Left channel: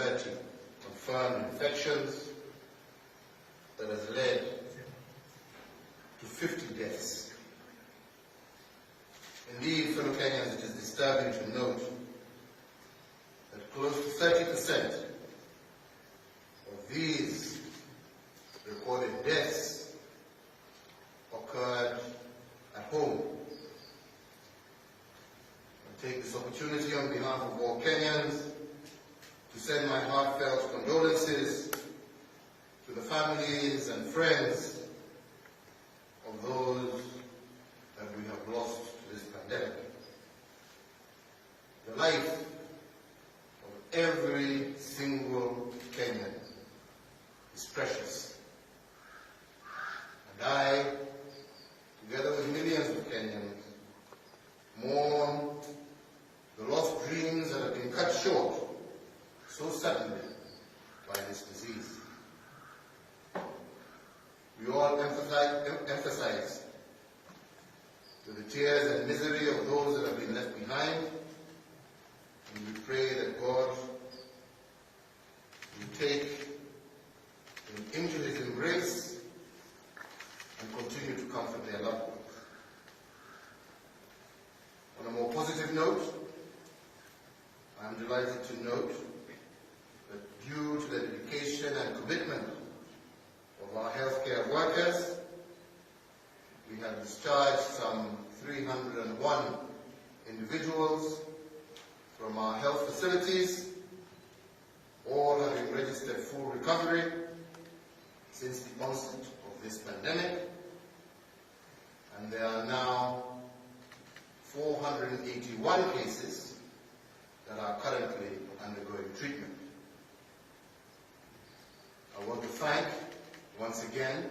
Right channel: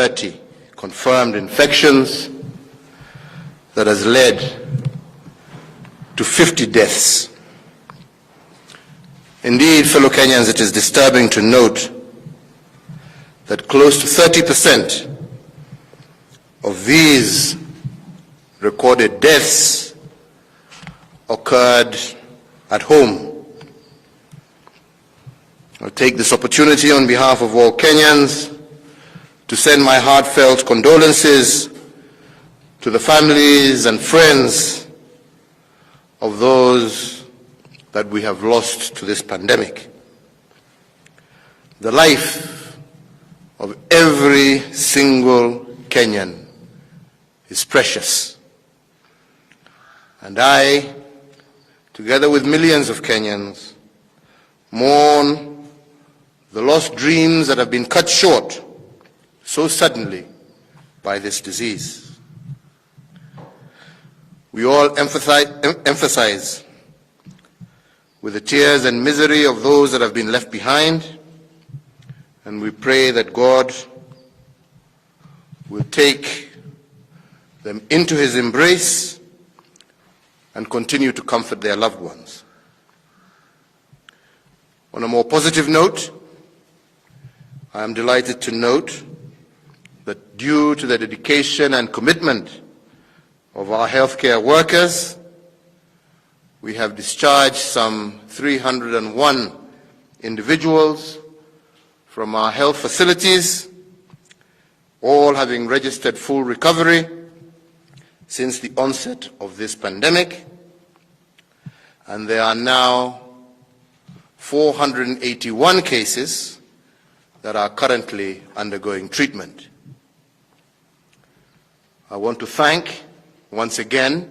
30 confirmed infections that has led to 50 deaths. Indeed, fellow Kenyans, it is disturbing to note that close to 30% of these recorded deaths occurred at home. I'll take this opportunity on behalf of all Kenyans to send my heartfelt condolences to the families and friends of those that we have lost to this pandemic. The life of every single Kenyan is precious. And I, together with millions of Kenyans, mourn the lost dreams that have been cut short so suddenly by this disease. We all emphasize with the tears and misery of those that have been left behind, and we pray that God will take them into His embrace and continue to comfort their loved ones. On a more positive note, I am delighted to note that due to the dedication and commitment of our healthcare workers, we have discharged some 301 individuals from our health facilities, all having registered full recovery since the onset of this pandemic, and there are now 481 cases that are currently undergoing treatment. I want to thank once again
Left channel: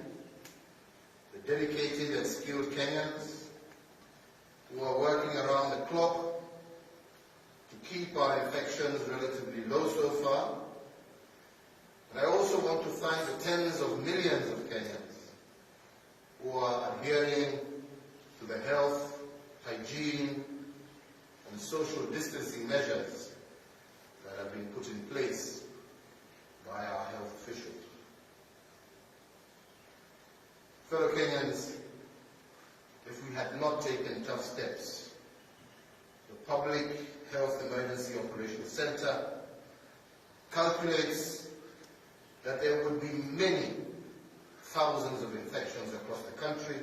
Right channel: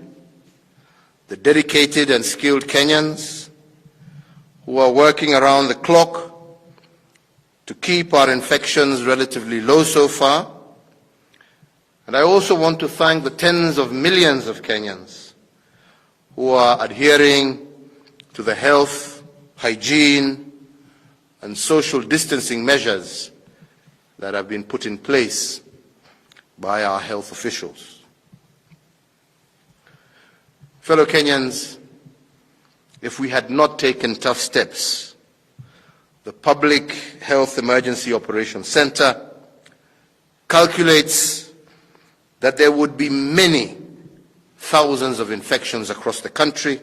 the dedicated and skilled Kenyans who are working around the clock to keep our infections relatively low so far. And I also want to thank the tens of millions of Kenyans who are adhering to the health, hygiene, and social distancing measures that have been put in place by our health officials. Fellow Kenyans, if we had not taken tough steps, the Public Health Emergency Operations Center calculates that there would be many thousands of infections across the country,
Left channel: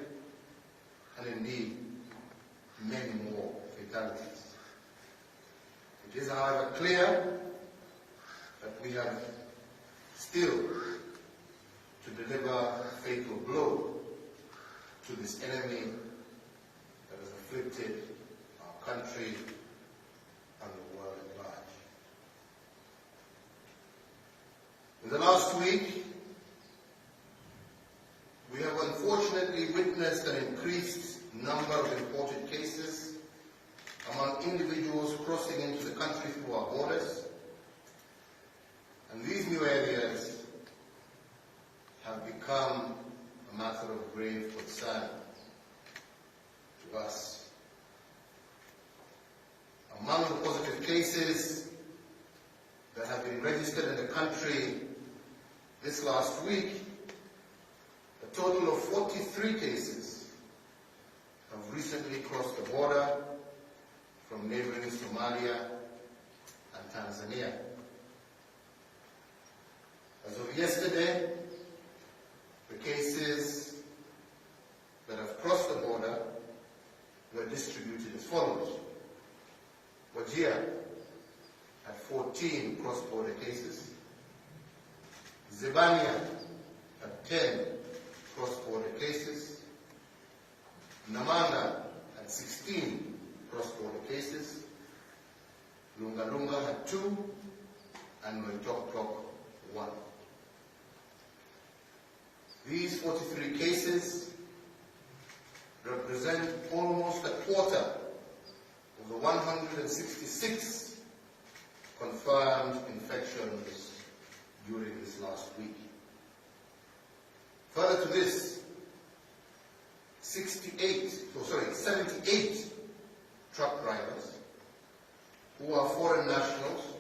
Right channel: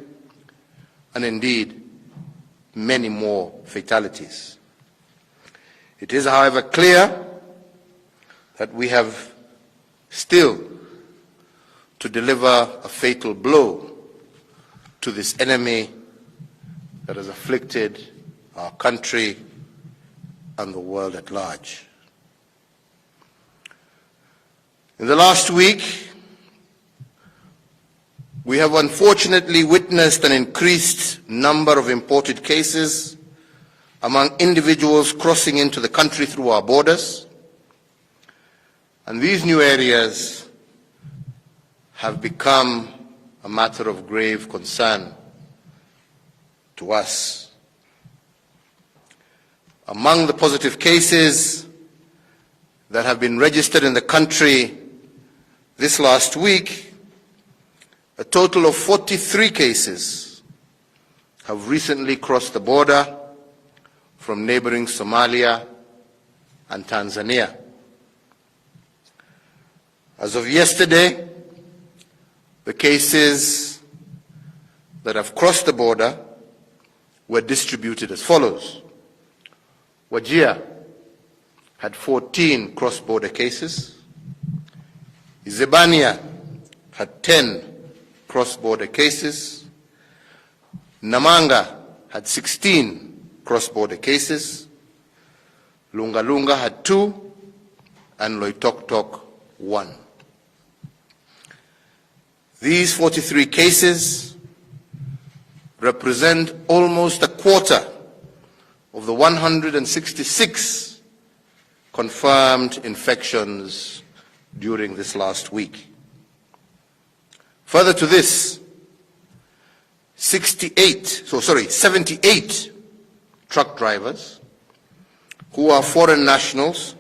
and indeed many more fatalities. It is, however, clear that we have still to deliver a fatal blow to this enemy that has afflicted our country and the world at large. In the last week, we have unfortunately witnessed an increased number of imported cases among individuals crossing into the country through our borders, and these new areas have become a matter of grave concern to us. Among the positive cases that have been registered in the country this last week, a total of 43 cases have recently crossed the border from neighboring Somalia and Tanzania. As of yesterday, the cases that have crossed the border were distributed as follows. Wajir had 14 cross-border cases. Izebania had 10 cross-border cases. Namanga had 16 cross-border cases. Lunga Lunga had 2, and Loitoktok 1. These 43 cases represent almost a quarter of the 166 confirmed infections during this last week. Further to this, 78 truck drivers who are foreign nationals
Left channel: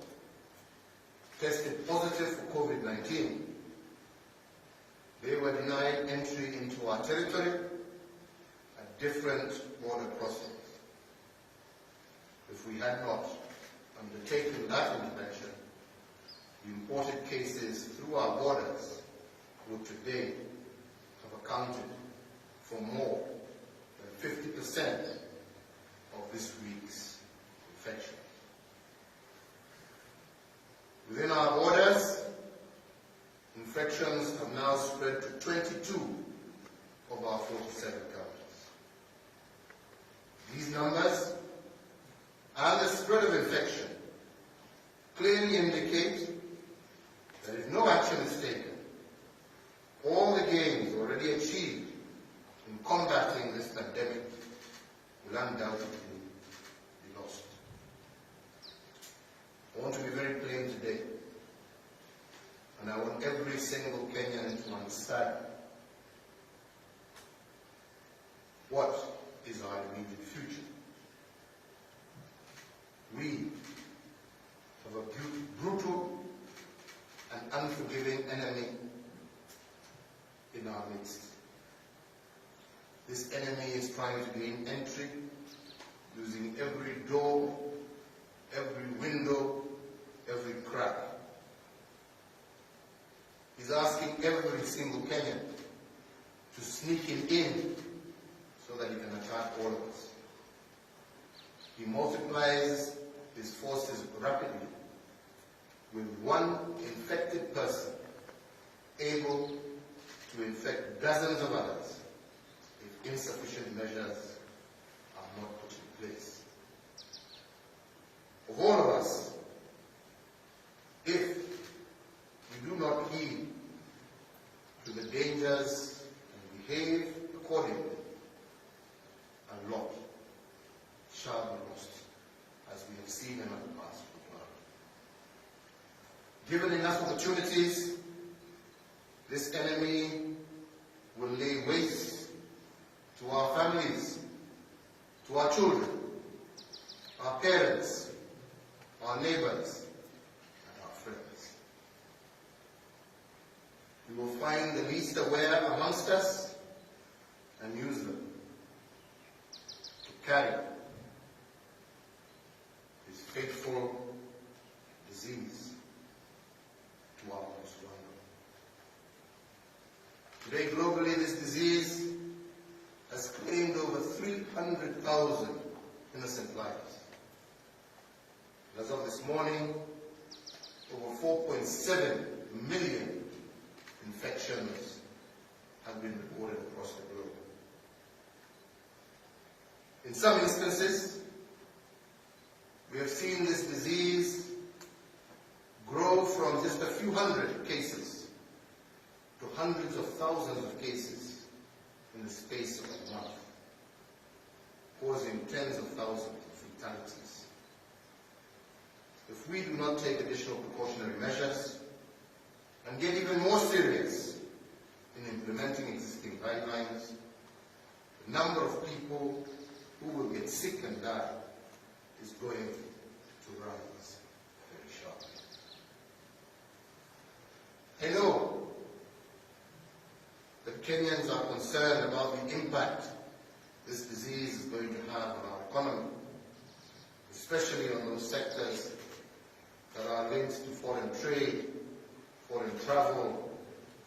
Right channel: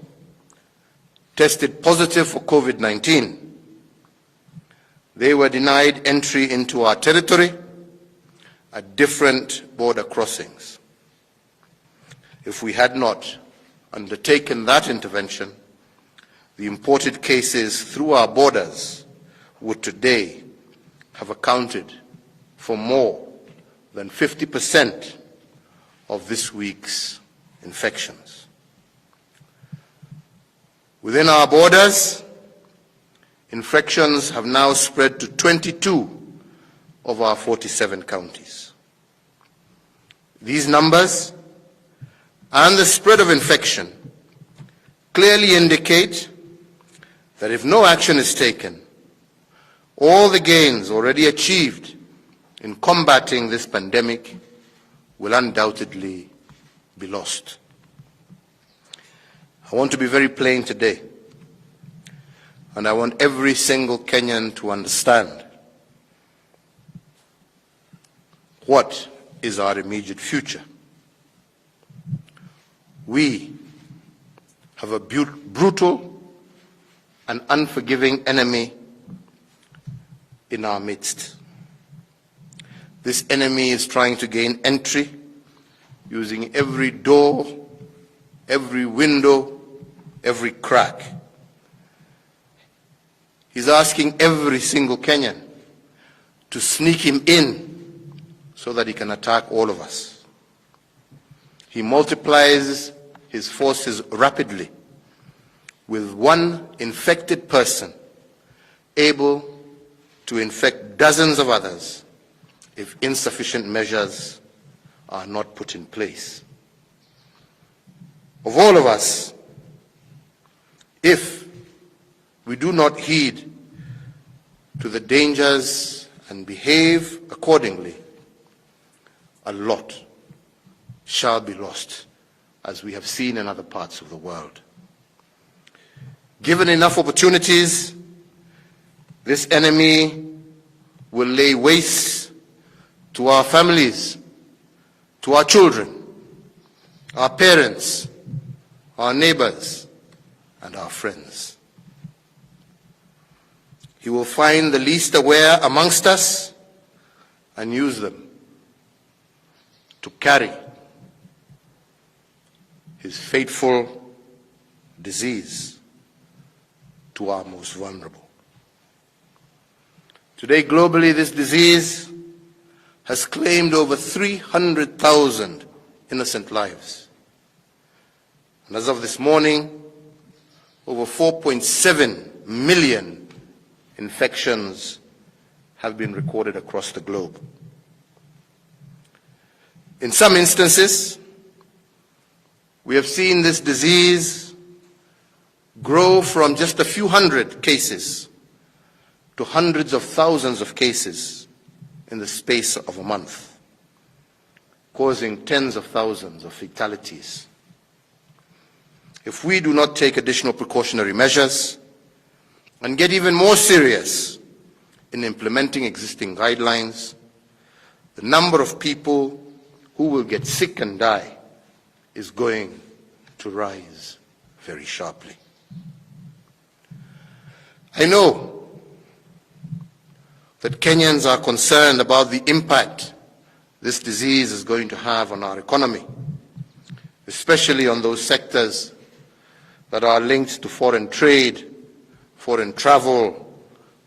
tested positive for COVID-19. They were denied entry into our territory at different border crossings. If we had not undertaken that intervention, the imported cases through our borders would today have accounted for more than 50% of this week's infections. Within our borders, infections have now spread to 22 of our 47 counties. These numbers and the spread of infection clearly indicate that if no action is taken, all the gains already achieved in combating this pandemic will undoubtedly be lost. I want to be very plain today, and I want every single Kenyan to understand what is our immediate future. We have a brutal and unforgiving enemy in our midst. This enemy is trying to gain entry using every door, every window, every crack. He's asking every single Kenyan to sneak him in so that he can attack all of us. He multiplies his forces rapidly, with one infected person able to infect dozens of others if insufficient measures are not put in place. Of all of us, if we do not heed to the dangers and behave accordingly, a lot shall be lost, as we have seen in other parts of the world. Given enough opportunities, this enemy will lay waste to our families, to our children, our parents, our neighbors, and our friends. He will find the least aware amongst us and use them to carry his fateful disease to our most vulnerable. Today, globally, this disease has claimed over 300,000 innocent lives. And as of this morning, over 4.7 million infections have been recorded across the globe. In some instances, we have seen this disease grow from just a few hundred cases to hundreds of thousands of cases in the space of a month, causing tens of thousands of fatalities. If we do not take additional precautionary measures and get even more serious in implementing existing guidelines, the number of people who will get sick and die is going to rise very sharply. I know that Kenyans are concerned about the impact this disease is going to have on our economy, especially on those sectors that are linked to foreign trade, foreign travel,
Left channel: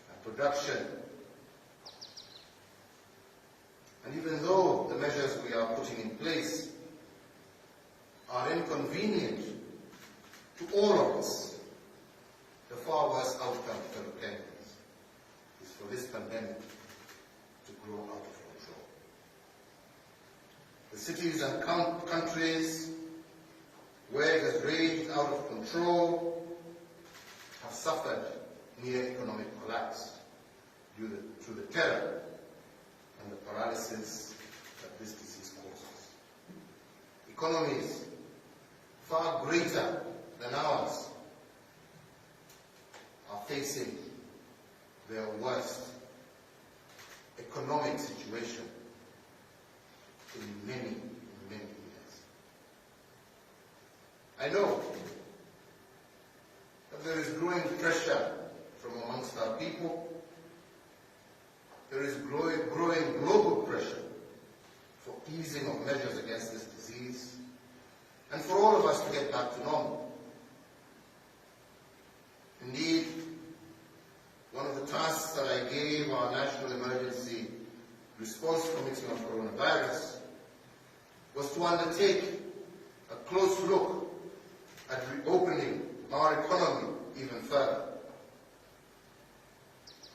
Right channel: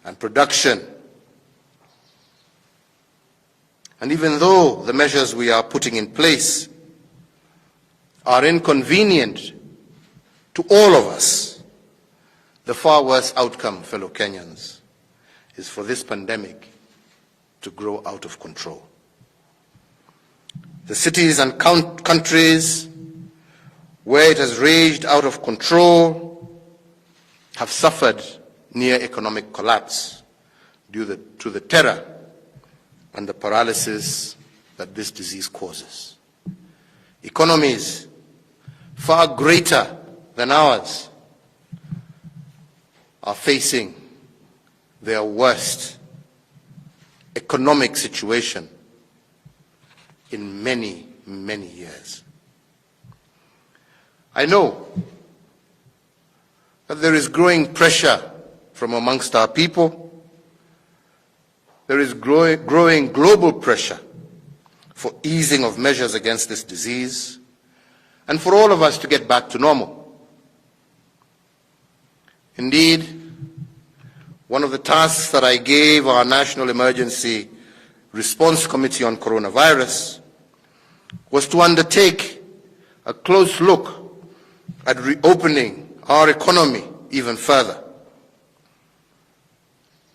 and production. And even though the measures we are putting in place are inconvenient to all of us, the far worse outcome, fellow Kenyans, is for this pandemic to grow out of control. The cities and countries where it has raged out of control have suffered near economic collapse due to the terror and the paralysis that this disease causes. Economies far greater than ours are facing their worst economic situation in many, many years. I know that there is growing pressure from amongst our people. There is growing global pressure for easing of measures against this disease and for all of us to get back to normal. Indeed, one of the tasks that I gave our National Emergency Response Committee on Coronavirus was to undertake a close look at reopening our economy even further.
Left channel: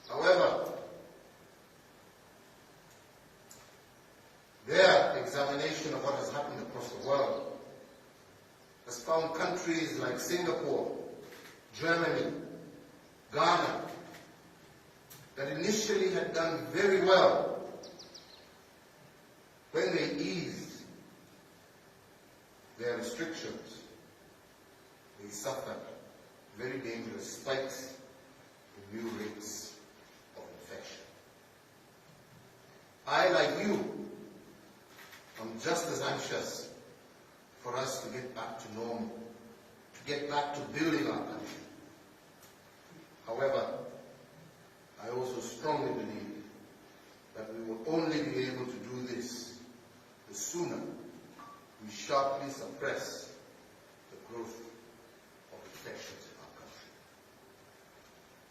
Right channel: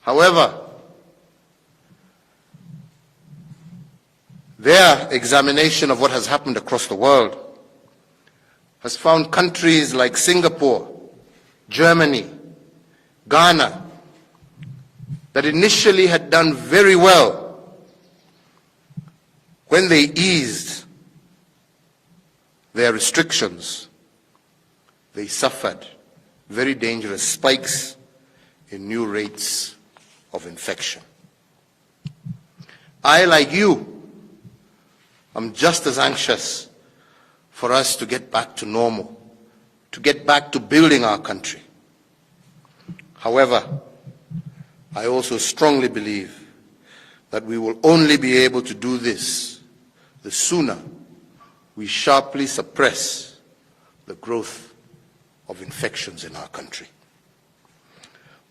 However, their examination of what has happened across the world has found countries like Singapore, Germany, Ghana, that initially had done very well when they eased their restrictions, they suffered very dangerous spikes in new rates of infection. I, like you, am just as anxious for us to get back to normal, to get back to building our country. However, I also strongly believe that we will only be able to do this the sooner we sharply suppress the growth of infections in our country.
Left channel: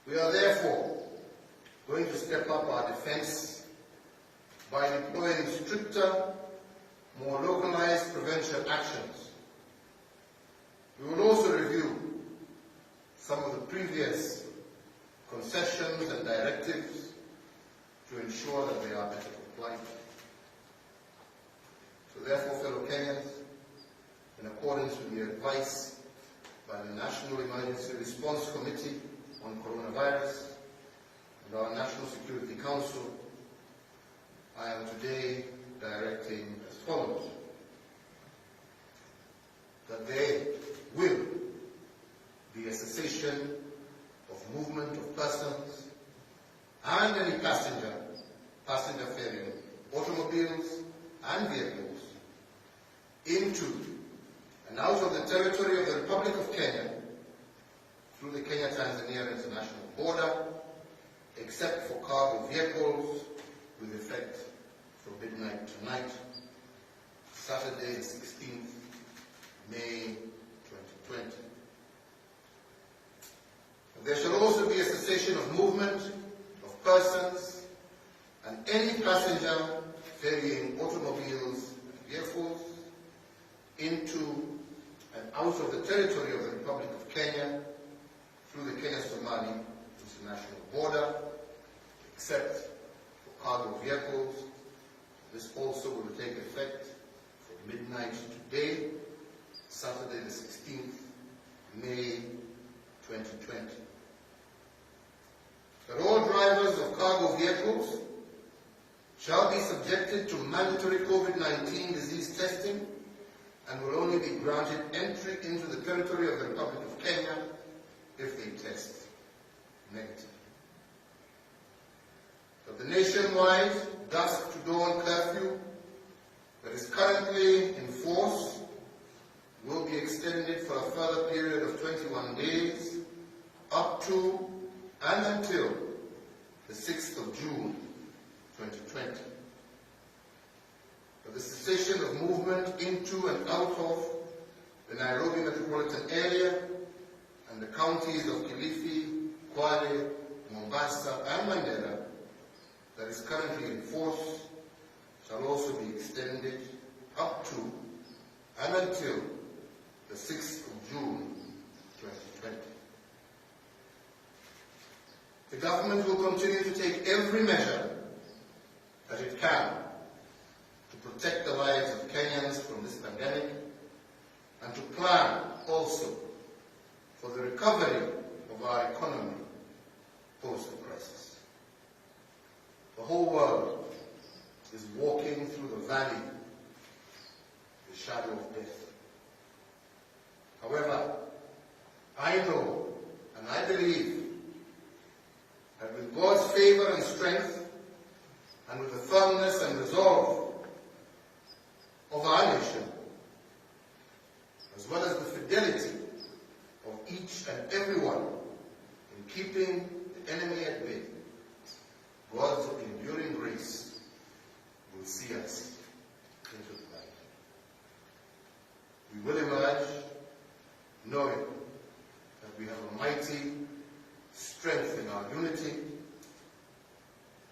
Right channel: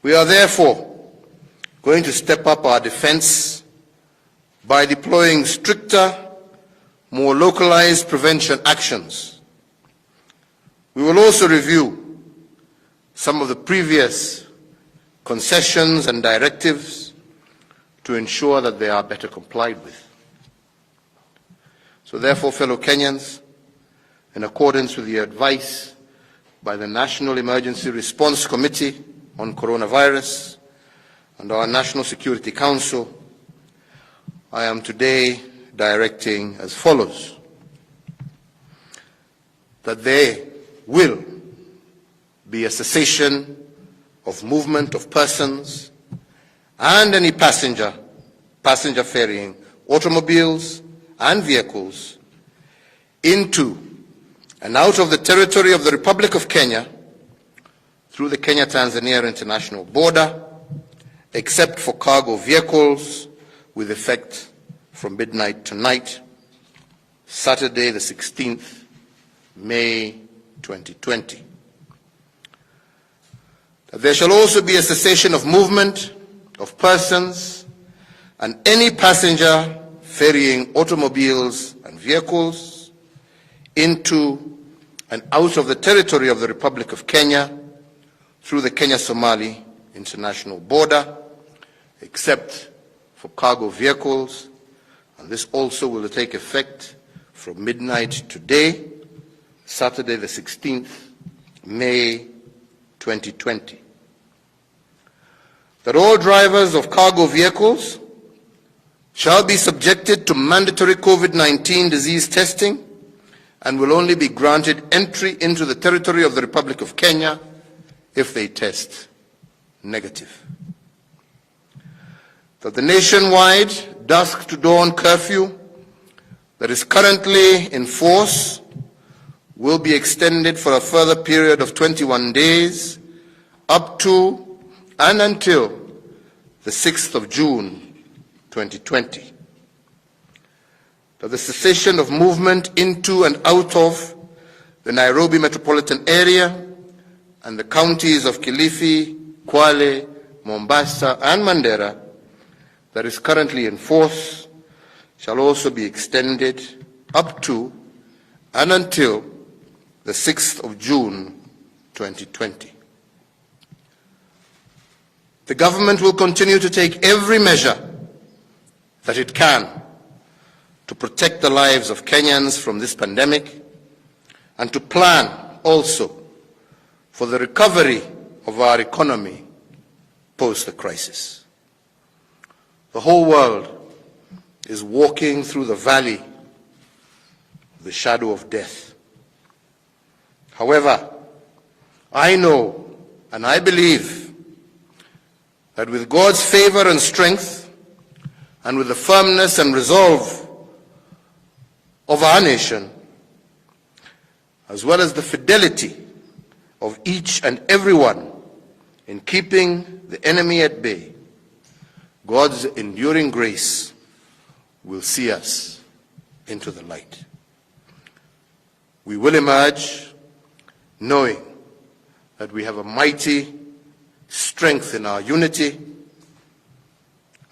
We are therefore going to step up our defense by deploying stricter, more localized prevention actions. We will also review some of the previous concessions and directives to ensure that they are better complied with. So therefore, fellow Kenyans, in accordance with the advice by the National Emergency Response Committee on Coronavirus and our National Security Council, I am today directing as follows: that there will be a cessation of movement of persons and any passenger ferrying automobiles and vehicles into and out of the territory of the Republic of Kenya through the Kenya-Tanzania international border, except for cargo vehicles, with effect from midnight tonight, Saturday the 16th May 2020. There shall also be a cessation of movement of persons and any passenger ferrying automobiles and vehicles into and out of the territory of the Republic of Kenya through the Kenya-Somali international border, except for cargo vehicles, and this also will take effect from midnight today, Saturday the 16th May 2020. That all drivers of cargo vehicles shall be subjected to mandatory COVID-19 disease testing and will only be granted entry into the territory of the Republic of Kenya if they test negative. That the nationwide dusk to dawn curfew that is currently in force will be extended for a further period of 21 days up to and until the 6th of June 2020. That the cessation of movement into and out of the Nairobi metropolitan area and the counties of Kilifi, Kwale, Mombasa, and Mandera that is currently in force shall also be extended up to and until the 6th of June 2020. The government will continue to take every measure that it can to protect the lives of Kenyans from this pandemic and to plan also for the recovery of our economy post the crisis. The whole world is walking through the valley of the shadow of death. However, I know and I believe that with God's favor and strength, and with the firmness and resolve of our nation, as well as the fidelity of each and everyone in keeping the enemy at bay, God's enduring grace will see us into the light. We will emerge knowing that we have a mighty strength in our unity,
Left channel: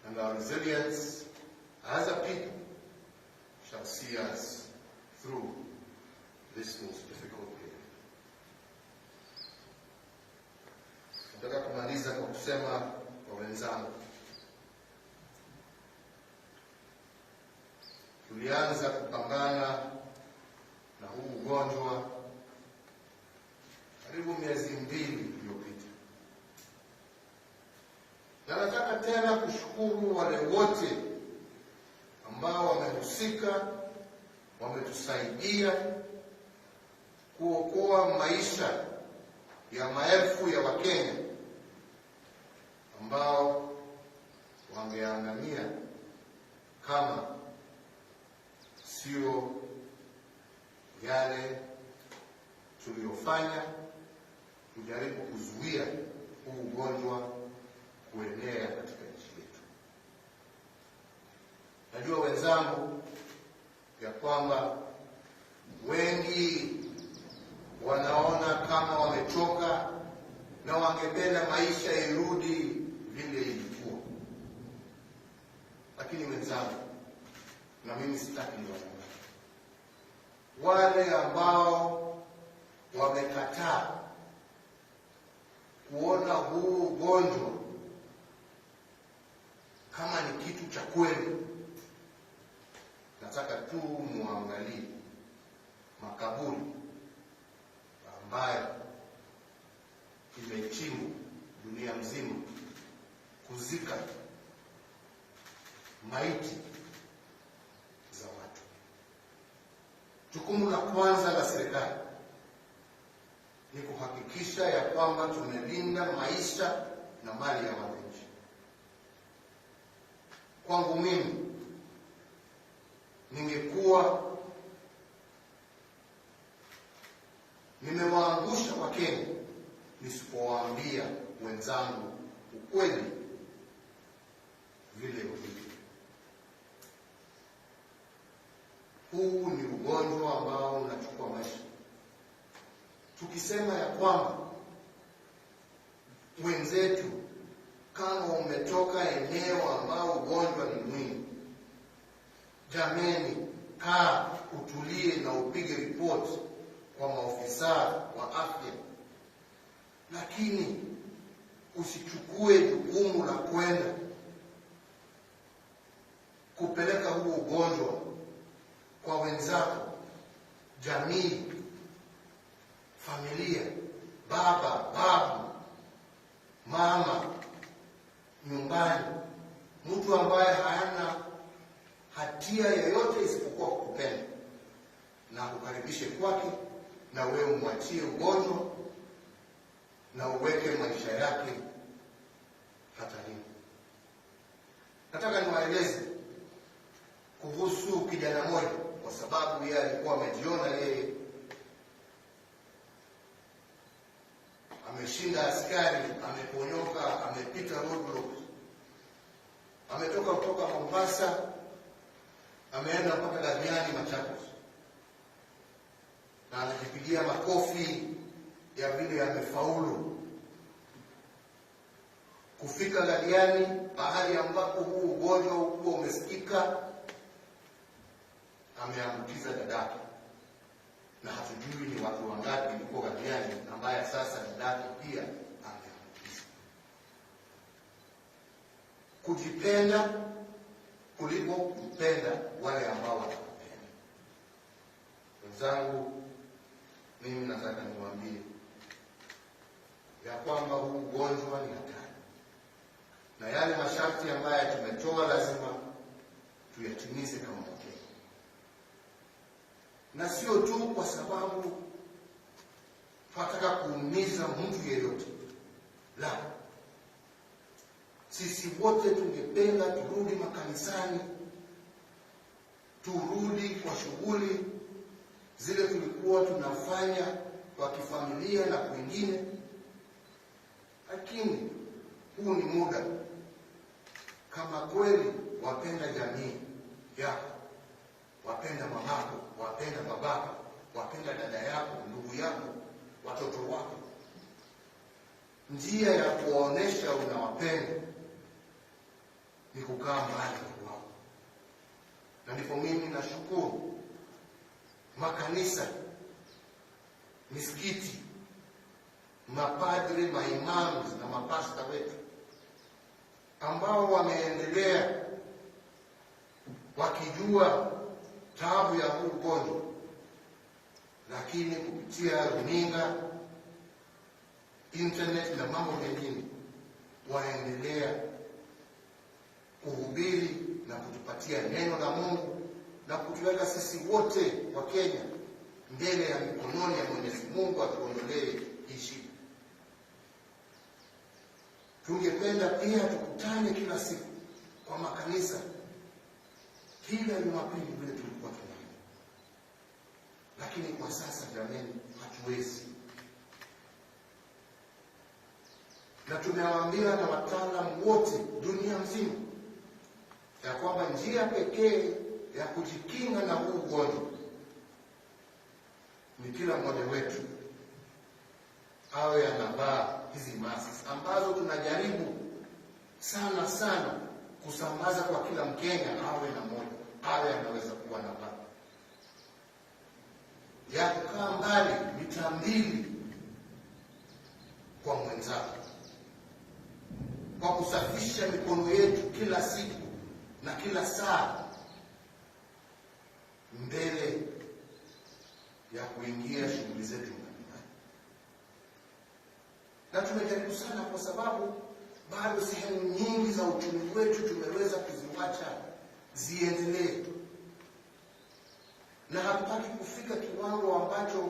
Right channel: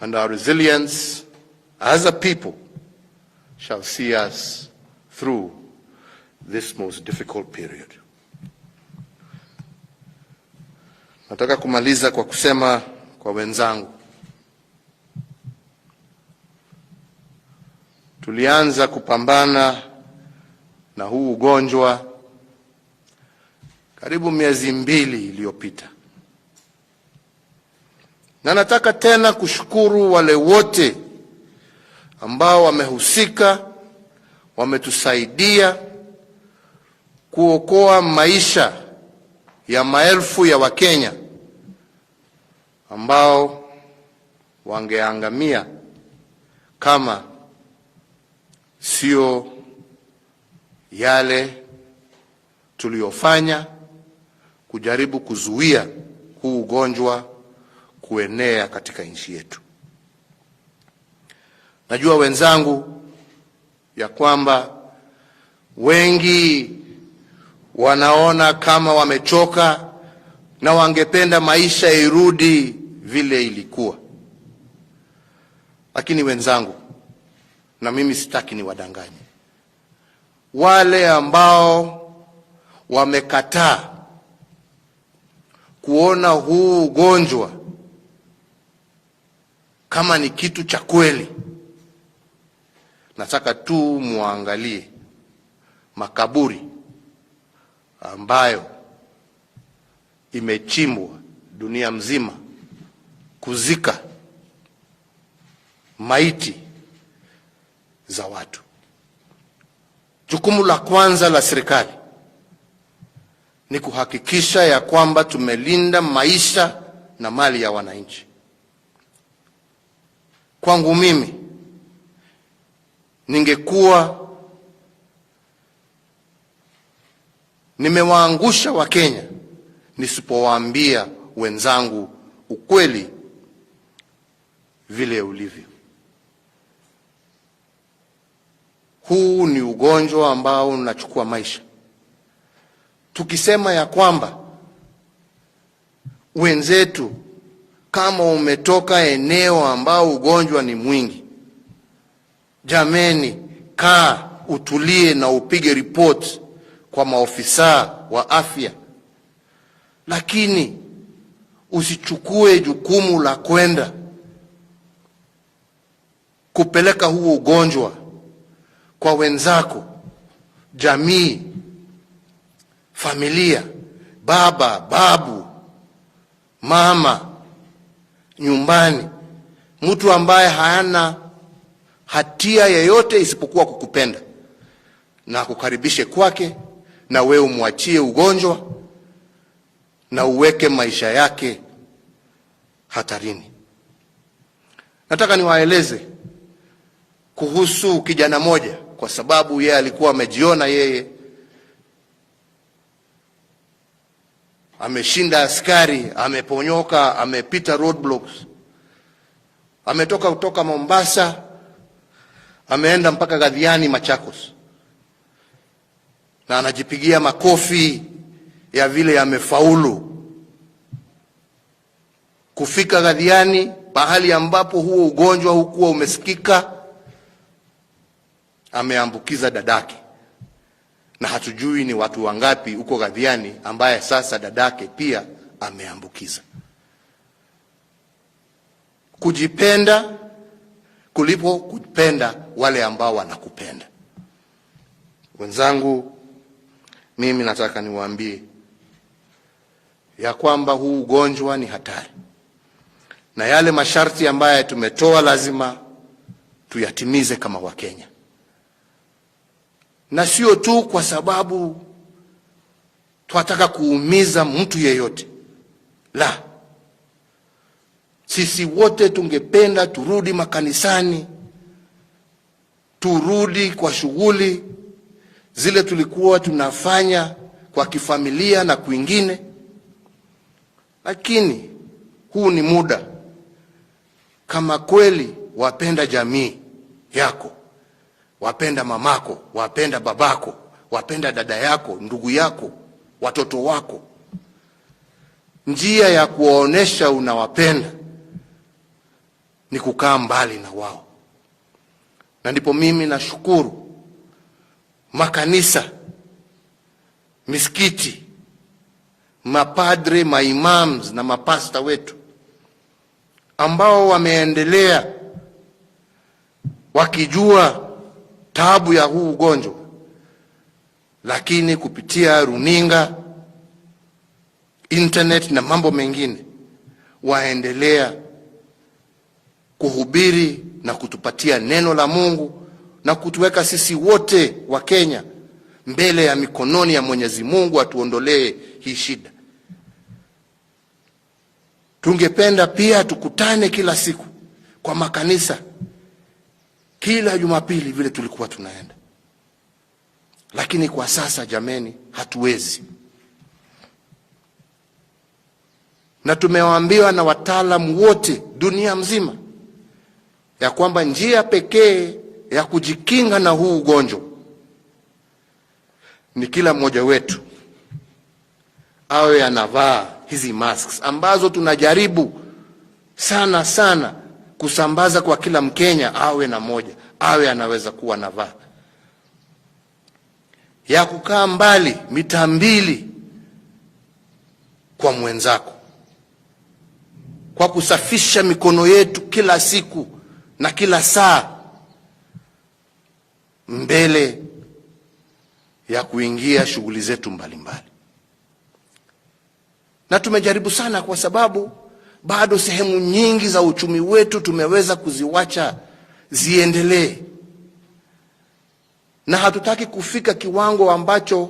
and our resilience as a people shall see us through this most difficult period. Nataka kumaliza kwa kusema kwa wenzangu, tulianza kupambana na huu ugonjwa karibu miezi 2 iliyopita. Na nataka tena kushukuru wale wote ambao wamehusika, wametusaidia kuokoa maisha ya maelfu ya Wakenya ambao wangeangamia kama sio yale tuliyofanya kujaribu kuzuia huu ugonjwa kuenea katika nchi yetu. Najua wenzangu ya kwamba wengi wanaona kama wamechoka na wangependa maisha irudi vile ilikuwa. Lakini wenzangu, na mimi sitaki ni wadanganyi, wale ambao wamekataa kuona huu ugonjwa kama ni kitu cha kweli, nataka tu muangalie makaburi ambayo imechimbwa dunia mzima kuzika maiti za watu. Jukumu la kwanza la serikali ni kuhakikisha ya kwamba tumelinda maisha na mali ya wananchi. Kwangu mimi, ningekuwa nimewaangusha Wakenya nisipowaambia wenzangu ukweli vile ulivyo. Huu ni ugonjwa ambao unachukua maisha. Tukisema ya kwamba wenzetu, kama umetoka eneo ambao ugonjwa ni mwingi, jameni, kaa utulie na upige report kwa maofisa wa afya, lakini usichukue jukumu la kwenda kupeleka huo ugonjwa kwa wenzako, jamii, familia, baba, babu, mama, nyumbani, mtu ambaye hana hatia yeyote isipokuwa kukupenda na kukaribishe kwake, na wewe umwachie ugonjwa na uweke maisha yake hatarini. Nataka niwaeleze kuhusu kijana moja, kwa sababu yeye alikuwa amejiona yeye ameshinda askari, ameponyoka, amepita roadblocks. Ametoka kutoka Mombasa, ameenda mpaka Gadhiani, Machakos, na anajipigia makofi ya vile amefaulu kufika Gadhiani, pahali ambapo huo ugonjwa hukuwa umesikika. Ameambukiza dadake, na hatujui ni watu wangapi huko Gadhiani ambaye sasa dadake pia ameambukiza. Kujipenda kulipo kupenda wale ambao wanakupenda. Wenzangu, mimi nataka niwaambie ya kwamba huu ugonjwa ni hatari, na yale masharti ambayo tumetoa lazima tuyatimize kama Wakenya, na sio tu kwa sababu tunataka kuumiza mtu yeyote. La, sisi wote tungependa turudi makanisani, turudi kwa shughuli zile tulikuwa tunafanya kwa kifamilia na kwingine, lakini huu ni muda, kama kweli wapenda jamii yako, wapenda mamako, wapenda babako, wapenda dada yako, ndugu yako, watoto wako, njia ya kuwaonesha unawapenda ni kukaa mbali na wao. Na ndipo mimi nashukuru makanisa, misikiti, mapadre, maimams na mapasta wetu ambao wameendelea wakijua taabu ya huu ugonjwa, lakini kupitia runinga, internet na mambo mengine waendelea kuhubiri na kutupatia neno la Mungu na kutuweka sisi wote wa Kenya mbele ya mikononi ya Mwenyezi Mungu atuondolee hii shida. Tungependa pia tukutane kila siku kwa makanisa, kila Jumapili vile tulikuwa tunaenda, lakini kwa sasa jameni, hatuwezi. Na tumewaambiwa na wataalamu wote dunia mzima ya kwamba njia pekee ya kujikinga na huu ugonjwa ni kila mmoja wetu awe anavaa hizi masks ambazo tunajaribu sana kusambaza kwa kila Mkenya awe na moja, awe anaweza kuwa anavaa, ya kukaa mbali mita 2 kwa mwenzako, kwa kusafisha mikono yetu kila siku na kila saa mbele ya kuingia shughuli zetu mbalimbali. Na tumejaribu sana kwa sababu bado sehemu nyingi za uchumi wetu tumeweza kuziwacha ziendelee, na hatutaki kufika kiwango ambacho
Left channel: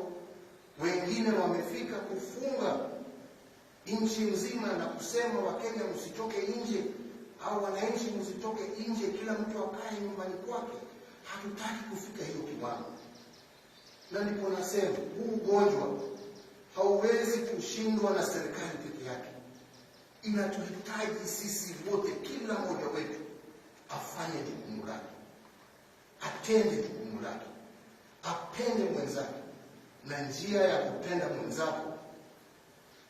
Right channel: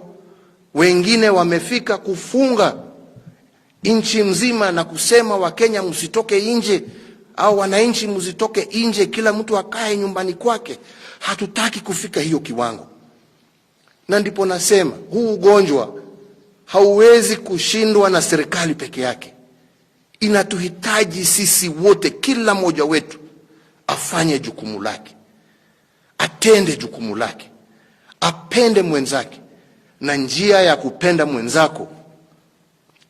wengine wamefika, kufunga nchi mzima na kusema Wakenya msitoke nje au wananchi msitoke nje, kila mtu akae nyumbani kwake. Hatutaki kufika hiyo kiwango, na ndipo nasema huu ugonjwa hauwezi kushindwa na serikali peke yake. Inatuhitaji sisi wote, kila mmoja wetu afanye jukumu lake, atende jukumu lake, apende mwenzake. Na njia ya kupenda mwenzako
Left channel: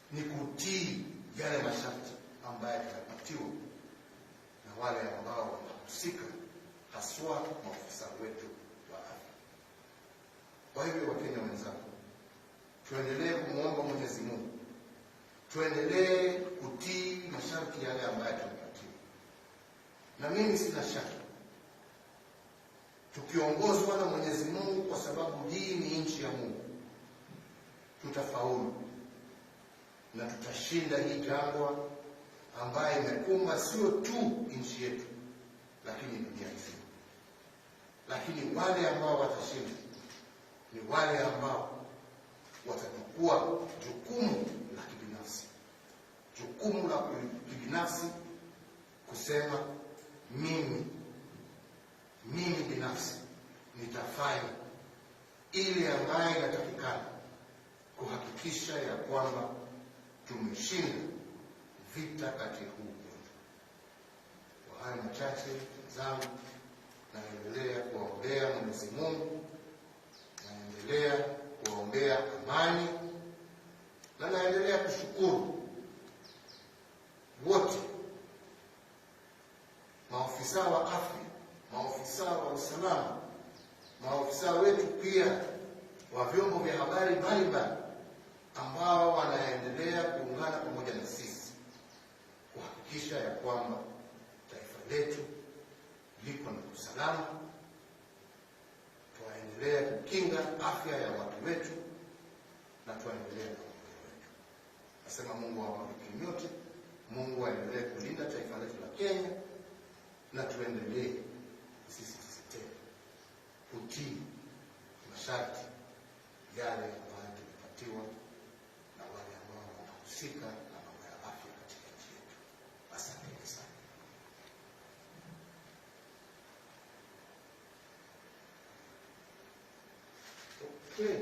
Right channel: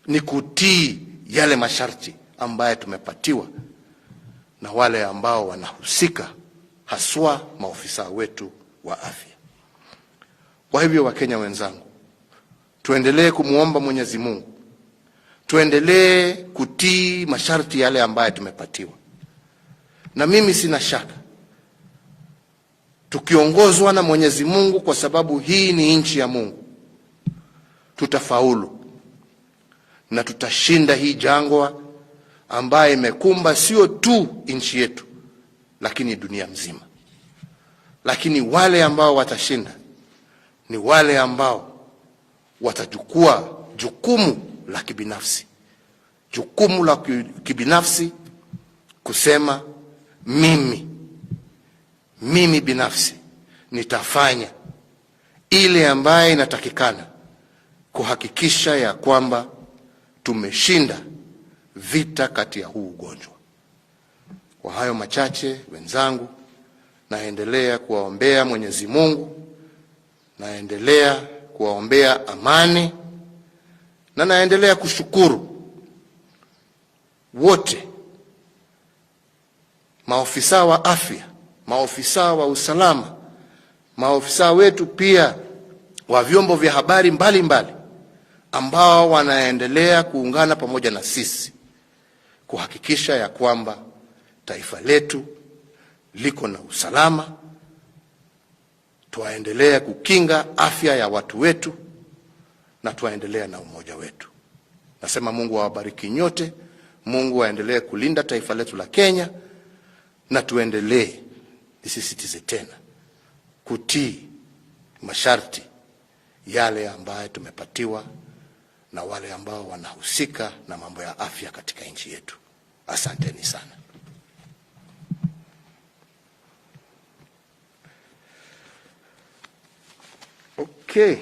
ni kutii yale masharti ambaye tumepatiwa na wale ambao wanahusika, haswa maofisa wetu wa afya. Kwa hivyo, Wakenya wenzangu, tuendelee kumuomba Mwenyezi Mungu, tuendelee kutii masharti yale ambaye tumepatiwa. Na mimi sina shaka tukiongozwa na Mwenyezi Mungu, kwa sababu hii ni nchi ya Mungu, tutafaulu na tutashinda hii jangwa ambaye imekumba sio tu nchi yetu lakini dunia nzima. Lakini wale ambao watashinda ni wale ambao watachukua jukumu la kibinafsi, jukumu la kibinafsi kusema mimi binafsi nitafanya ile ambaye inatakikana kuhakikisha ya kwamba tumeshinda vita kati ya huu ugonjwa. Kwa hayo machache, wenzangu, naendelea kuwaombea Mwenyezi Mungu, naendelea kuwaombea amani, na naendelea kushukuru wote, maofisa wa afya, maofisa wa usalama, maofisa wetu pia wa vyombo vya habari mbalimbali ambao wanaendelea kuungana pamoja na sisi kuhakikisha ya kwamba taifa letu liko na usalama. Tuendelea kukinga afya ya watu wetu na tuendelea na umoja wetu. Nasema Mungu awabariki nyote, Mungu aendelee kulinda taifa letu la Kenya, na tuendelee, nisisitize tena, kutii masharti yale ambayo tumepatiwa na wale ambao wanahusika na mambo ya afya katika nchi yetu. Asanteni sana. Okay.